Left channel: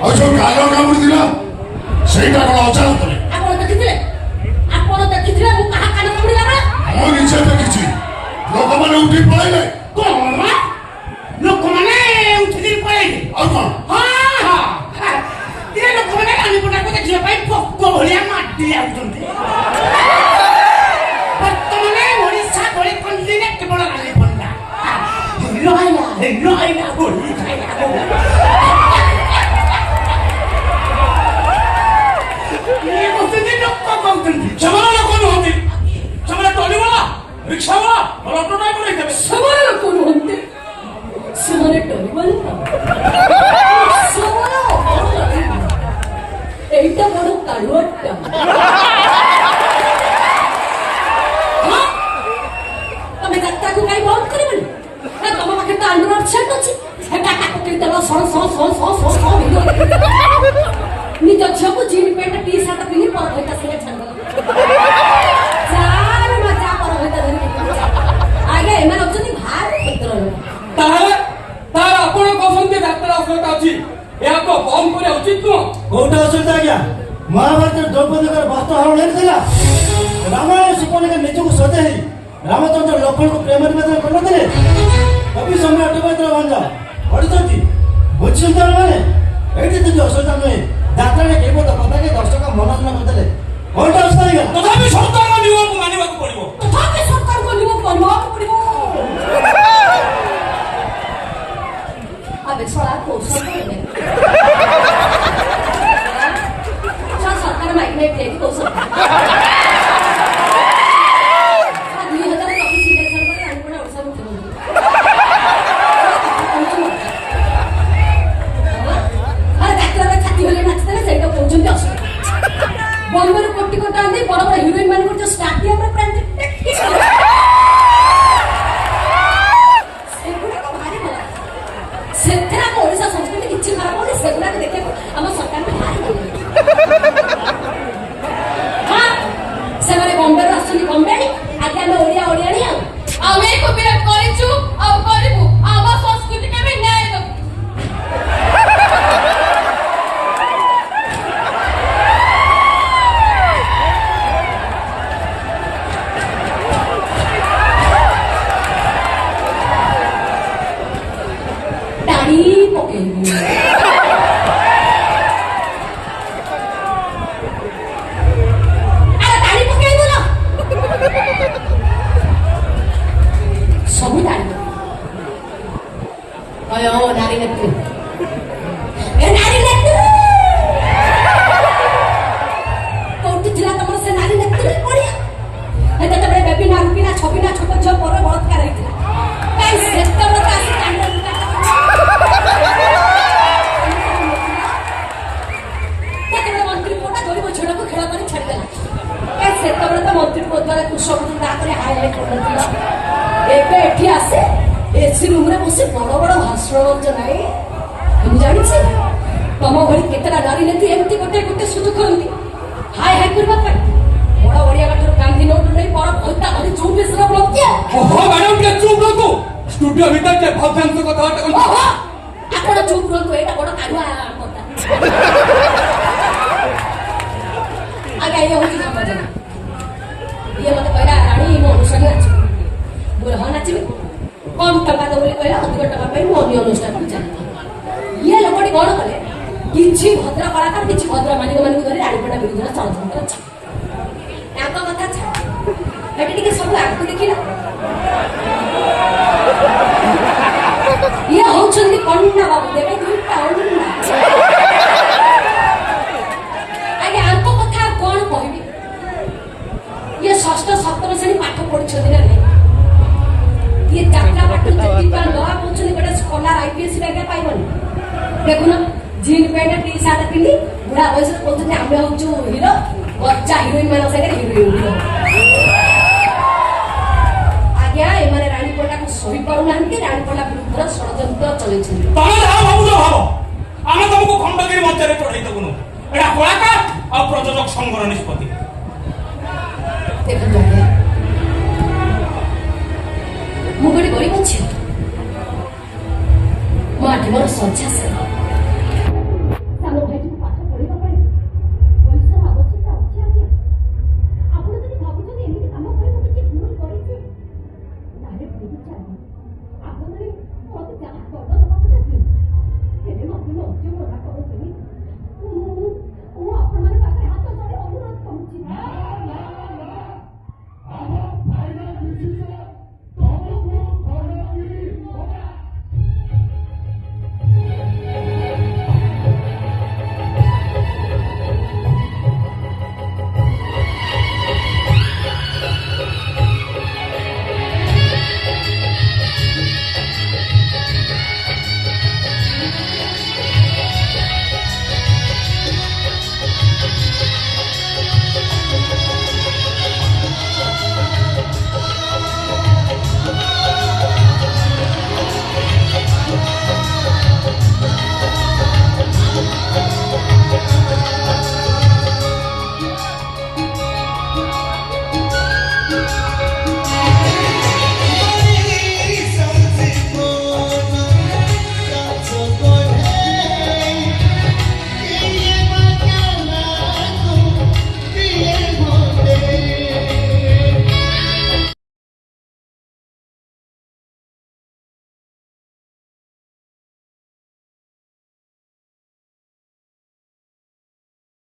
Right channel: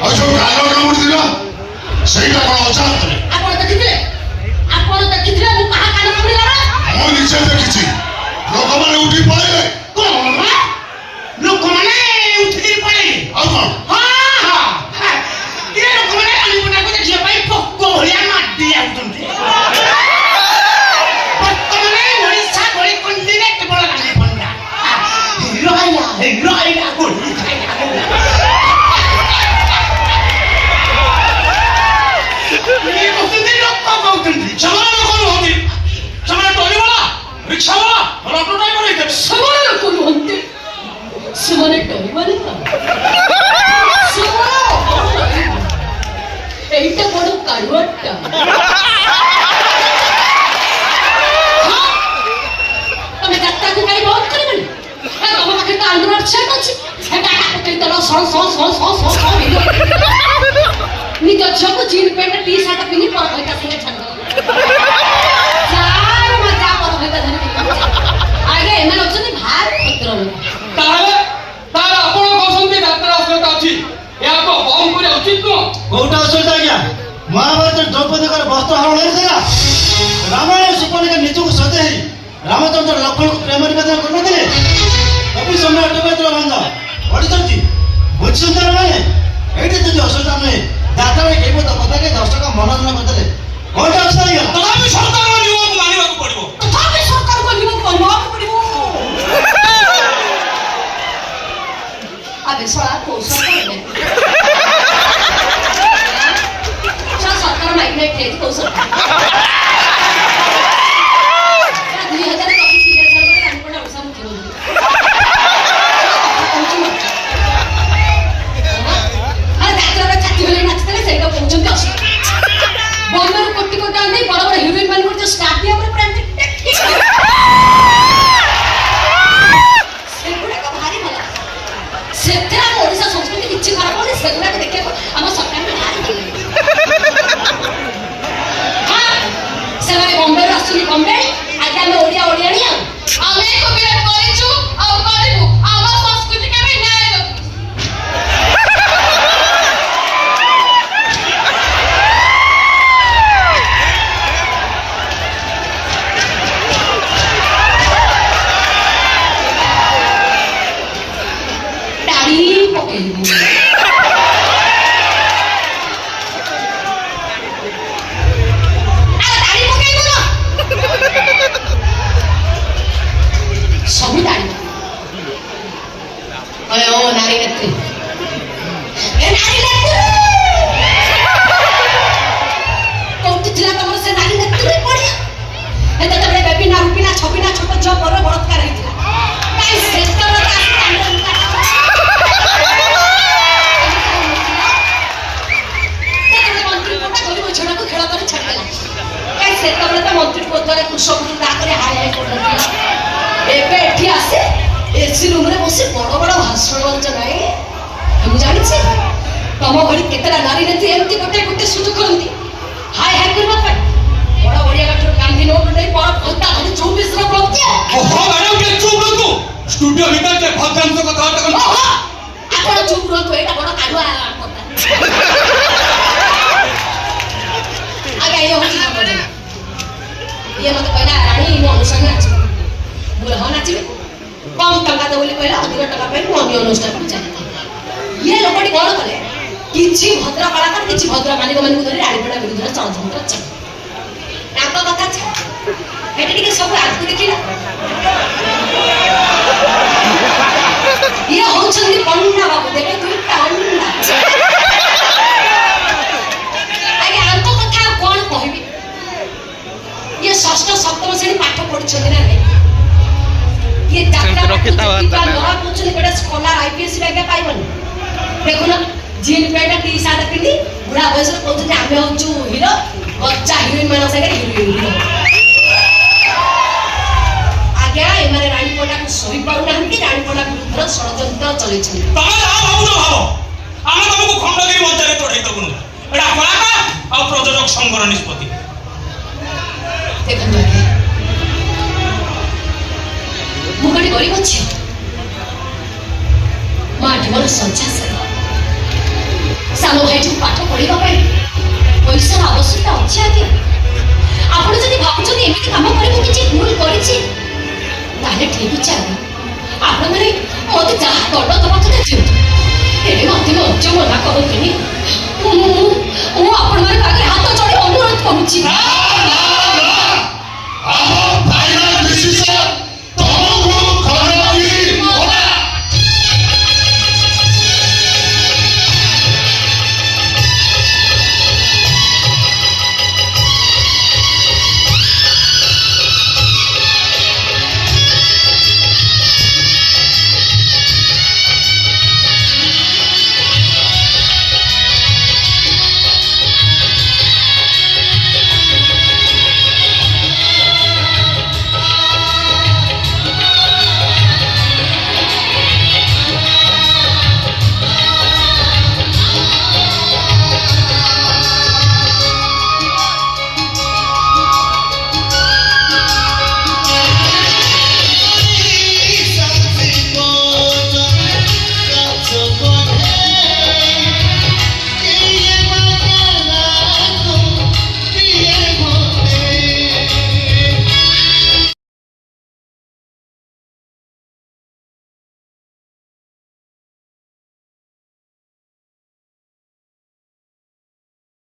ଆଉ ଯୋଉ କାଲ କାମୁଡ଼ି ଦିନ ସେଇଟା କଣ ଅଜାଣତରେ? ଆପଣ ଦେଖିଥିଲେ ମୁଁ କାହା କାନ କାମୁଡ଼ିଲା ନା? ମୁଁ ନିଜେ ଦେଖିଛି। ଲୋକମାନେ ଉଠି ପଳେଇଲେ। କଣ ଲୋକମାନେ ଉଠିକି ପଳେଇଲେ? ଆଉ କଣ? ଲୋକମାନେ ରାଣୀପଟାକୁ ଦେଖିବା ପାଇଁ ପୋକ ଭଳିଆ ମାଟି ଯାଉଛନ୍ତି। ବର୍ତ୍ତମାନେ ଓଡ଼ିଶା ଭଳି କନ୍ଦିରେ କେବଳ ରାଣୀପଟା ରହିଲା ଗୋଳି ଖାଇଲା। ଲୋକ କହୁଛନ୍ତି ସେମାନେ ଲୋକ ନୁହନ୍ତି, ସେମାନେ ଟଲିବାଲା ରିକ୍ସାବାଲା ଅଟୋ ଡ୍ରାଇଭର ହେଇଥିବେ। ସେମାନେ ଲୋକ ନୁହନ୍ତି, ସେମାନେ ଟଲିବାଲା। এইটা বড় কাড়ুয়াটা। তুমি যাত্রাকে গাড়ি বন্ধ করবেন? হ্যাঁ, তোমার কাছে তো আন্দোলন সেট আছে। এটা টাকা তোলা সর নিজ ঝিଅକୁ ଜିନ୍ ପ୍ୟାଣ୍ଟ ଟି ସାର୍ଟ ପିନ୍ଧି ପର ଭଇତା ସାଙ୍ଗେ ଛାଡ଼ିଦେବ। ଚାଲ ମଜା ପର ଭଇତା ଧରିକି ଆଜ୍ଞା ଏମାନେ ଅଛନ୍ତି ଭାରି କ୍ଷେତ୍ର ଲୋକ। ତାହେଲେ ଆପଣ କହୁଛନ୍ତି ଡାକ୍ତର ଅସୁବିଧା ଅଛି, ଏହାକୁ ବନ୍ଦ କରିବା ଉଚିତ ନୁହଁ? କୋଉଟା ଅସୁବିଧା ଆଜ୍ଞା? ମହାଭାରତରେ ଦ୍ରୌପଦୀଙ୍କର ବସ୍ତ୍ର ହରଣ ହେଇଥିଲା। ରାମାୟଣ ସୁପର୍ଣ୍ଣିକା ନିଜକୁ ସଜେଇ ରାମଚନ୍ଦ୍ର ଲକ୍ଷ୍ମଣଙ୍କୁ ପ୍ରେମ ନିବେଦନ କରିନଥିଲେ। କବି ସମୟ ଅଟୋପାତ୍ର ବନ୍ଧ ପଢିଛନ୍ତି, ବୁଝିଛନ୍ତି ମାନେ ଏଇଠି ଯଦି ଅସୁବିଧା ନୁହେଁ। ଯାତ୍ରାରେ କେବଳ କଥାକେ ଦର୍ଶକ ମନୋରଞ୍ଜନ କରିଦେଲେ କୋଉଟା ଅସୁବିଧା ଆଜ୍ଞା? ତଥାପି ସରକାରଙ୍କ ନିୟମକୁ ମାନିବାକୁ ପଡିବ। ତଥାପି ସରକାରଙ୍କ ନିୟମକୁ ମାନିବାକୁ ପଡିବ। ଆବେ ଶଳା କୌଶଳ କରିବେ। ସରକାର ମାଇକ୍ ଠିଆ କୌଶଳ ସଂଘର ନିଷ୍ପତ୍ତି। ଦେଖନ୍ତୁ